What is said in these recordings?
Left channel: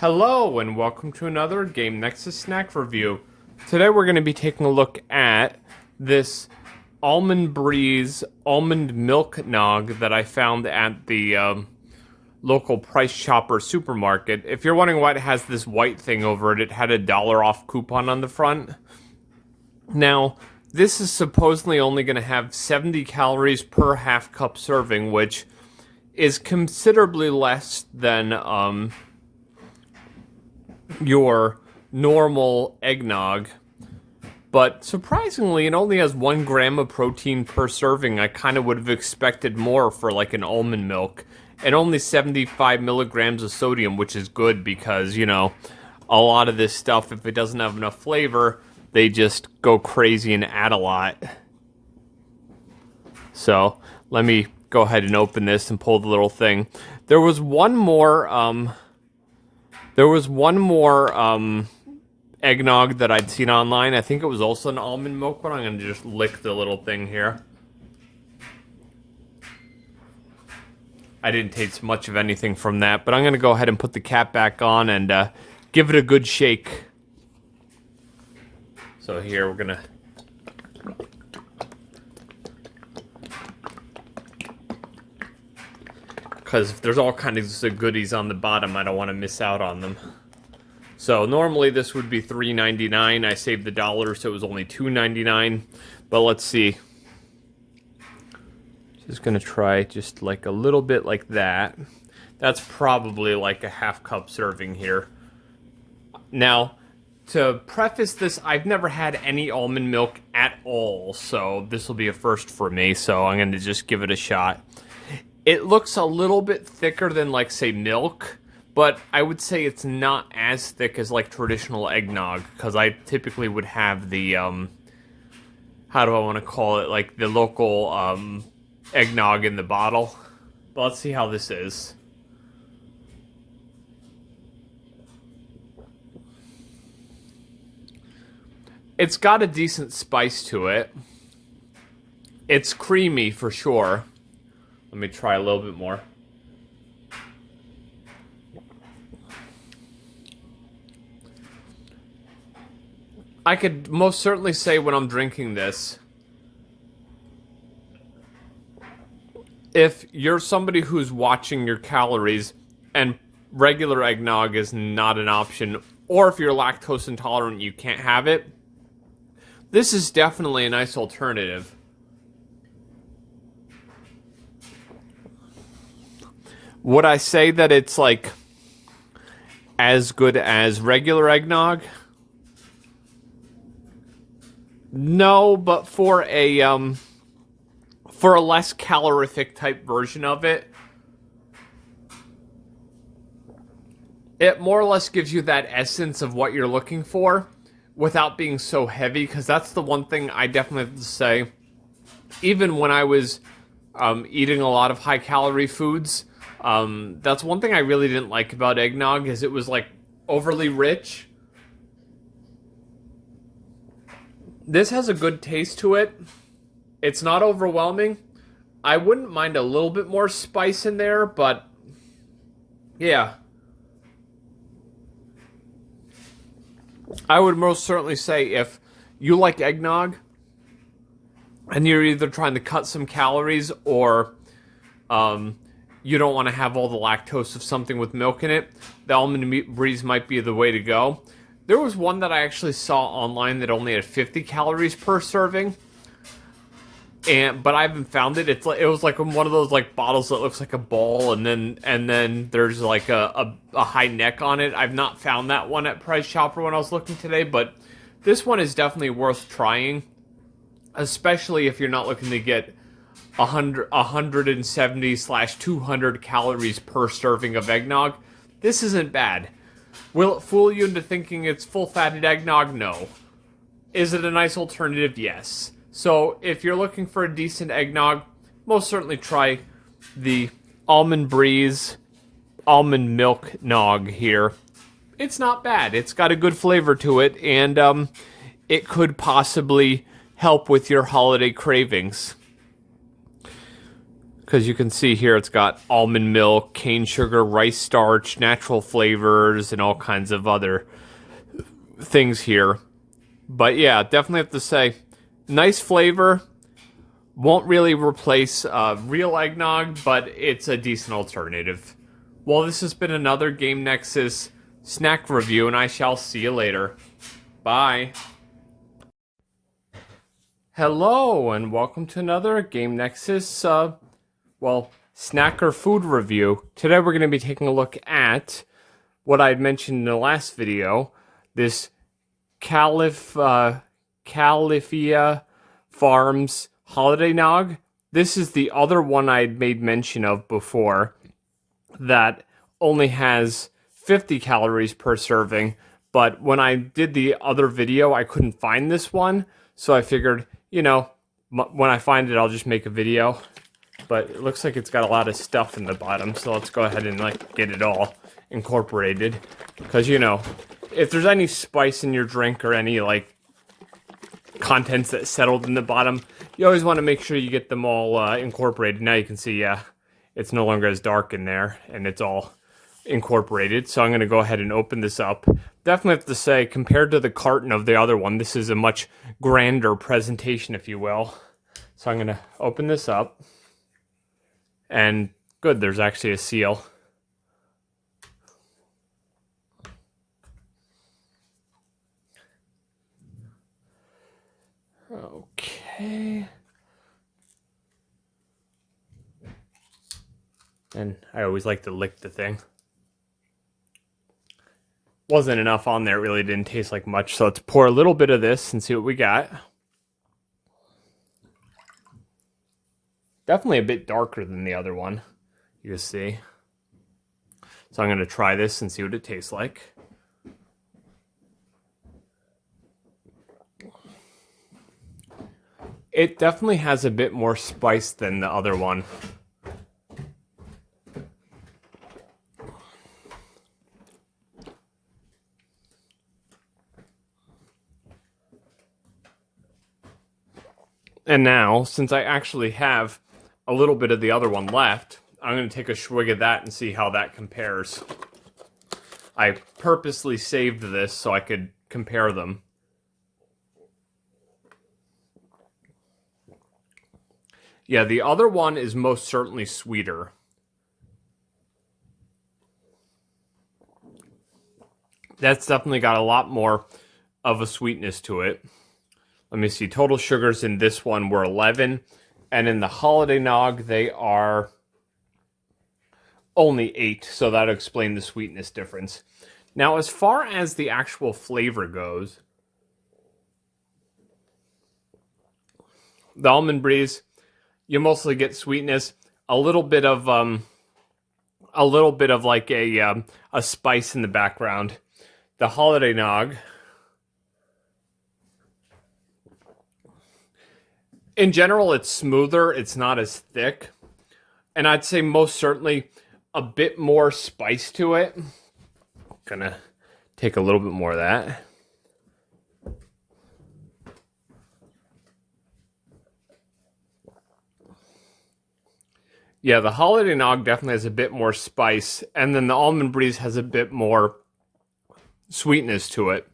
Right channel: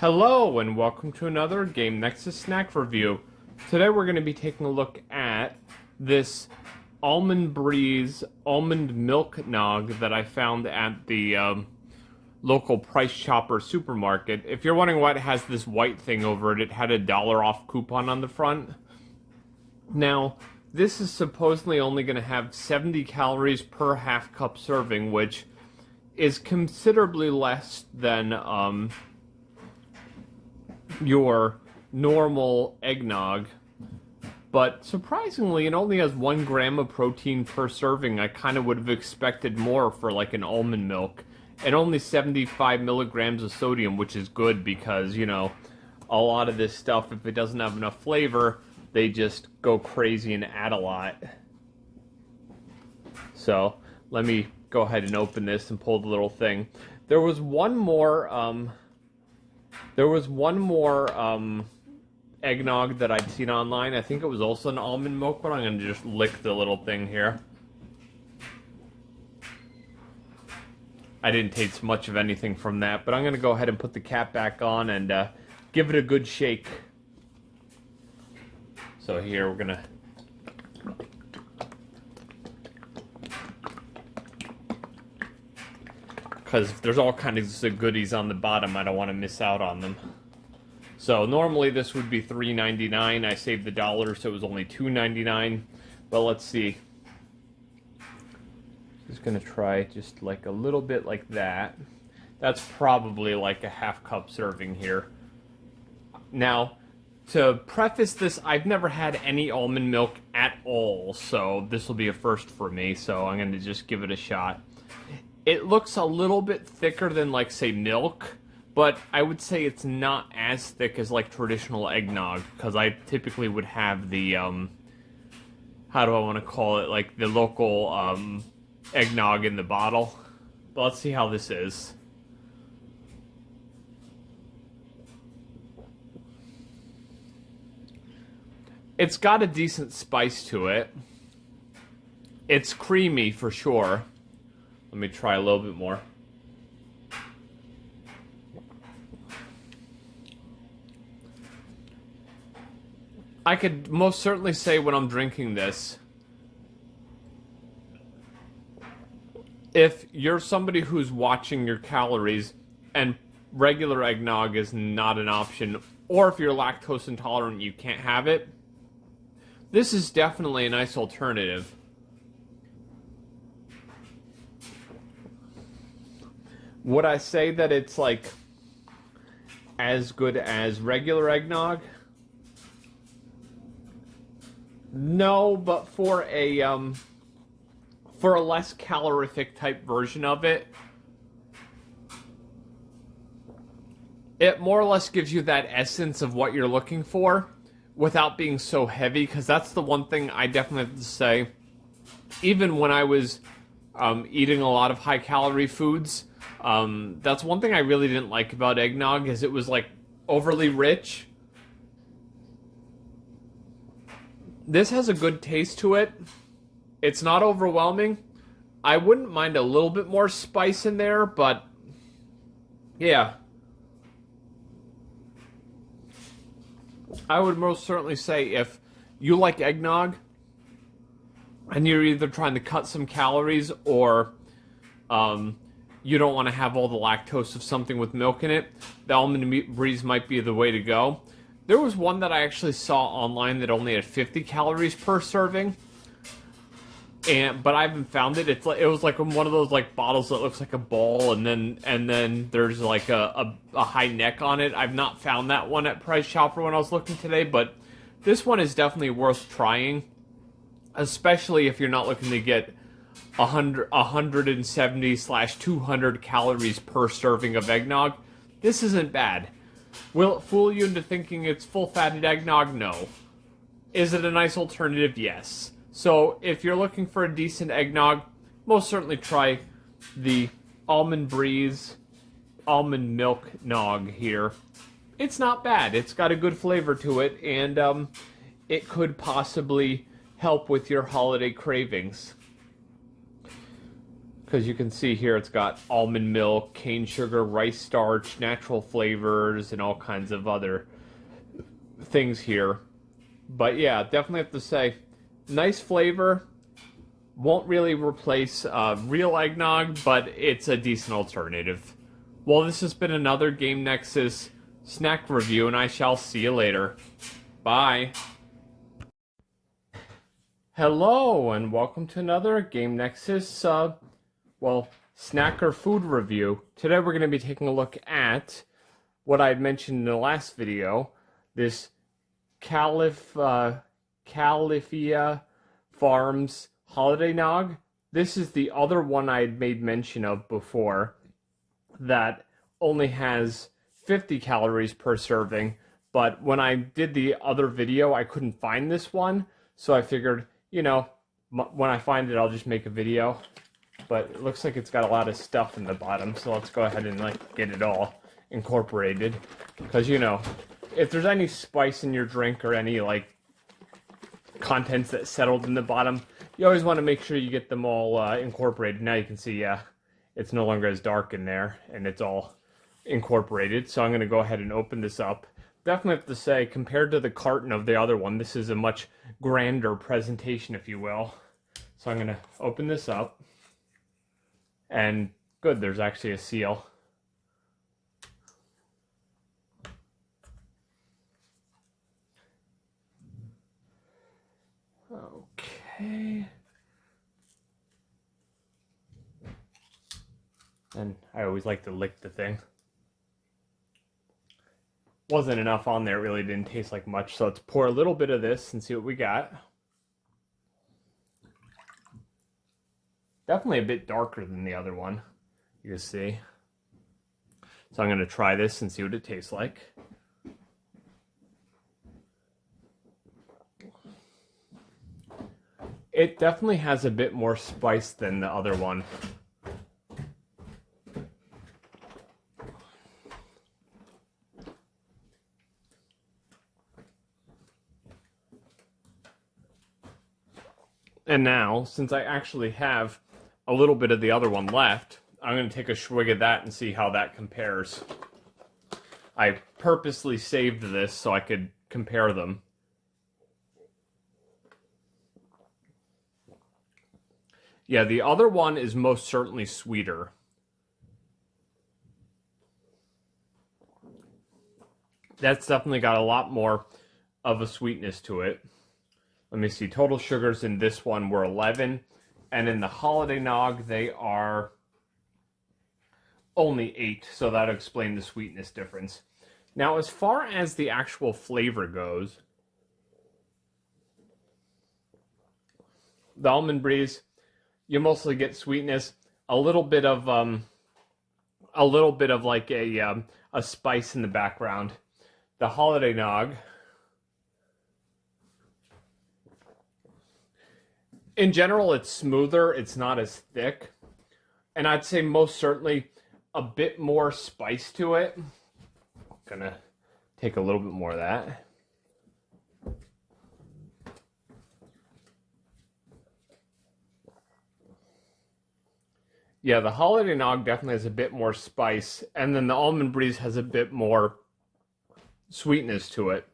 Hello and welcome to another Game Nexus snack review. Today we're going to be taking a look at this Almond Breeze Almond Milk Nog that I found at the local Price Chopper supermarket. If you're wondering why it has this white thing over it, it had a $1 off coupon on the front. Now, this is supposedly only going to have 70 calories per half cup serving, which is considerably less than your normal eggnog, but surprisingly it only has 1 gram of protein per serving. I kind of would have expected more for like an almond milk, and only 75 milligrams of sodium, which is good because, you know, a lot of this stuff, if it doesn't have enough flavor, they just go crazy and add a lot. So let me go ahead and open this and pull the little thing. There was one more eggnog that I'd seen online. I think it was also an almond milk one. I'm going to just lick the little thing here. I didn't taste much of anything from that, but I'm going to go ahead and put the cap back on and give it a good shake. So here we're going to... because there's all kinds of goodies on the bottom, I don't want to miss out on them. So normally this would be $3.99. I saved the $1, so it was only $2.99. But let's see. Just gonna try just like a little bit like that. That's probably like a half cup serving here. Now, to preface this, I've never had any almond milk at all, so this will be a first for me. So I'm gonna just give it a shot. It looks a little bit thicker than, like, say, milk, but I would say it's not as thick as, like, traditional eggnog, because I typically would have the, how do I want to call it, like, the local, eggnog in the bottle. But let's see how this is. It's got a decent spice to it. It's creamy, for sure. Let me try a little bit more. I could most certainly say when I'm drinking this, if you're somebody who's watching your calories and regular eggnog is not an option, or if you're lactose intolerant and you can't have it, this is definitely a nice alternative. Would I say that it's, like, as good as regular eggnog? No, but for a less calorific type version of it, it more or less gives you that essence of what you're looking for without being so heavy, because that's the one thing I definitely have to say. Even when I was eating a lot of high-calorie foods, that's one thing I really didn't like about eggnog, is it was, like, overly rich. This has a good taste to it. It's not overwhelming. I wouldn't mind a little bit more spice in there, but yeah. I would most certainly say if you like eggnog and you're either trying to cut some calories or you don't want to have all the lactose of something with milk in it, the Almond Breeze might be the way to go. There was one that I actually saw online that only had 50 calories per serving, but I haven't found it. It was like one of those like bottles that looks like a ball, and then there's like a high neck on it. I've not found that one at Price Chopper when I was looking today, but this one is definitely worth trying, especially if you're not looking to get 170/200 calories per serving of eggnog. This isn't bad. Will it fool you into thinking it's full-fatted eggnog? No. Is it a nice alternative? Yes. So if you're looking for a decent eggnog, most certainly try the Almond Breeze Almond Milk Nog here. It's not bad. It's got a good flavor to it, and it could possibly help with your holiday cravings. because you can see here it's got almond milk, cane sugar, rice starch, natural flavors, and all kinds of other things here. But yeah, definitely have to say, nice flavor. Won't really replace real eggnog, but it's a decent alternative. Well, this has been another Game Nexus snack review, and I shall see you later. Bye. Hello, and welcome to another Game Nexus, snack or food review. Today we're going to be taking a look at what I had mentioned in the last video, this Califia Farms Holiday Nog. This is the other one I had made mention of before that only has 50 calories per serving, but when I did the other video, I couldn't find this one, so I figured, you know, when I find it, I'll just make a video. But it looks like it's got a lot of stuff in the bottom, so let's go ahead and get it all incorporated, because, you know, if there's any spice in your drink or any contents that settled in the bottom, you always want to make sure you get them all incorporated. Now you can see, yeah, it's no longer as dark in there, and it's all incorporated. So I'm going to go ahead and open this up. Definitely have to say, compared to the carton of the other one, this is a much grander presentation, if you will. So I'm going to open this up. And good, there's actually a seal. Okay. And I always like to lick the thing. Wasn't enough on there, it really didn't taste like much, so let's pour a little bit of this and see what we got. Definitely a bit darker than the other one, you can see. So I'm going to try this and see what it tastes like. It definitely has a bit more spice than the other one. And now, since I actually have a little bit of the other one left, I'm going to take a swig of that and see how that compares. I purposely saved this so I could compare them. Yeah, the other one is most certainly sweeter. That's definitely got a lot more of a sweetness to it. Let me see, total sugars in this one were 11, and in the Holiday Nog, they are only 8, so that'll explain the sweetness difference. Now, as far as the actual flavor goes, the Almond Breeze, you mostly get sweetness, a little bit of like a spice in the background. The Holiday Nog, in general, it's smoother, it's not as thick, and I'd say most certainly a bit more spice to it. Gonna take a little bit more of that. Yeah, the Holiday Nog definitely has a bit more spice, and then the Almond Breeze has a bit more sweetness to it.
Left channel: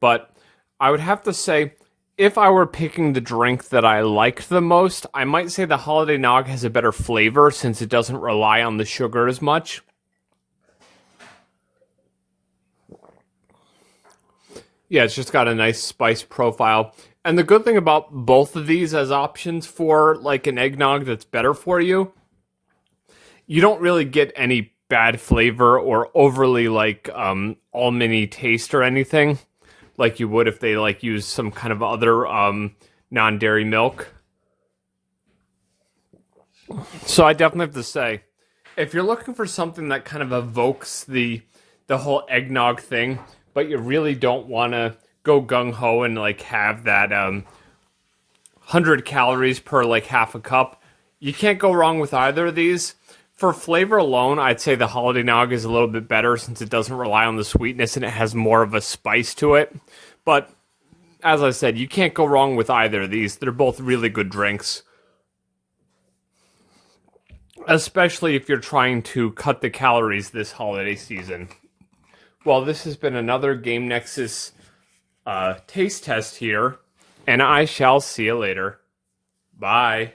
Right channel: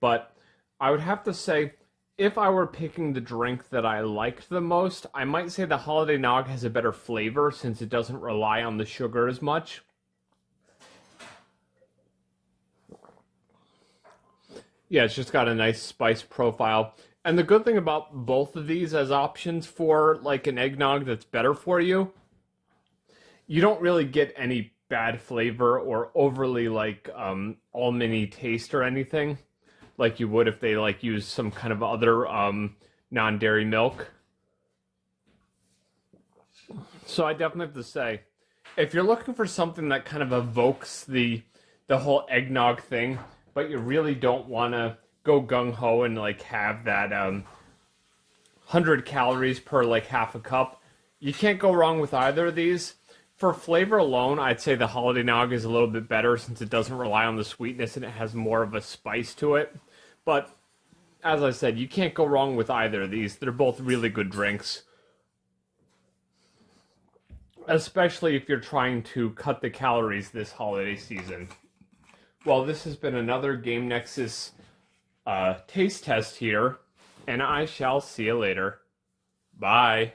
But I would have to say, if I were picking the drink that I liked the most, I might say the Holiday Nog has a better flavor since it doesn't rely on the sugar as much. Yeah, it's just got a nice spice profile. And the good thing about both of these as options for like an eggnog that's better for you, you don't really get any bad flavor or overly almondy taste or anything like you would if they use some kind of other non-dairy milk. So I definitely have to say, if you're looking for something that kind of evokes the whole eggnog thing, but you really don't want to go gung-ho and have that 100 calories per half a cup, you can't go wrong with either of these. For flavor alone, I'd say the Holiday Nog is a little bit better since it doesn't rely on the sweetness and it has more of a spice to it. But as I said, you can't go wrong with either of these. They're both really good drinks. especially if you're trying to cut the calories this holiday season. Well, this has been another Game Nexus taste test here, and I shall see you later. Bye.